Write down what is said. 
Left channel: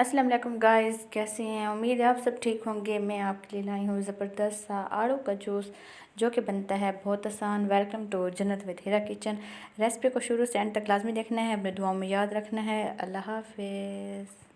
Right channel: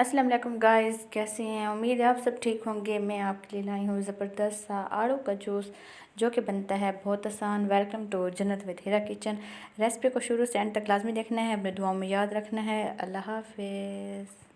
अस्सलाम वालेकुम गाइस, कैसे हैं? उम्मीद है आप सब ठीक होंगे। मैं आपके लिए लाई हूँ ज़बरदस्त सा आड़ू का जूस जो कि बनता है बहुत आसान। वेलकम टू जन्नत विद हिरा किचन। रेसिपी को शुरू से एंड तक लाजमी देखना है, अपने दुआओं में याद रखना है। अल्लाह हाफिज़।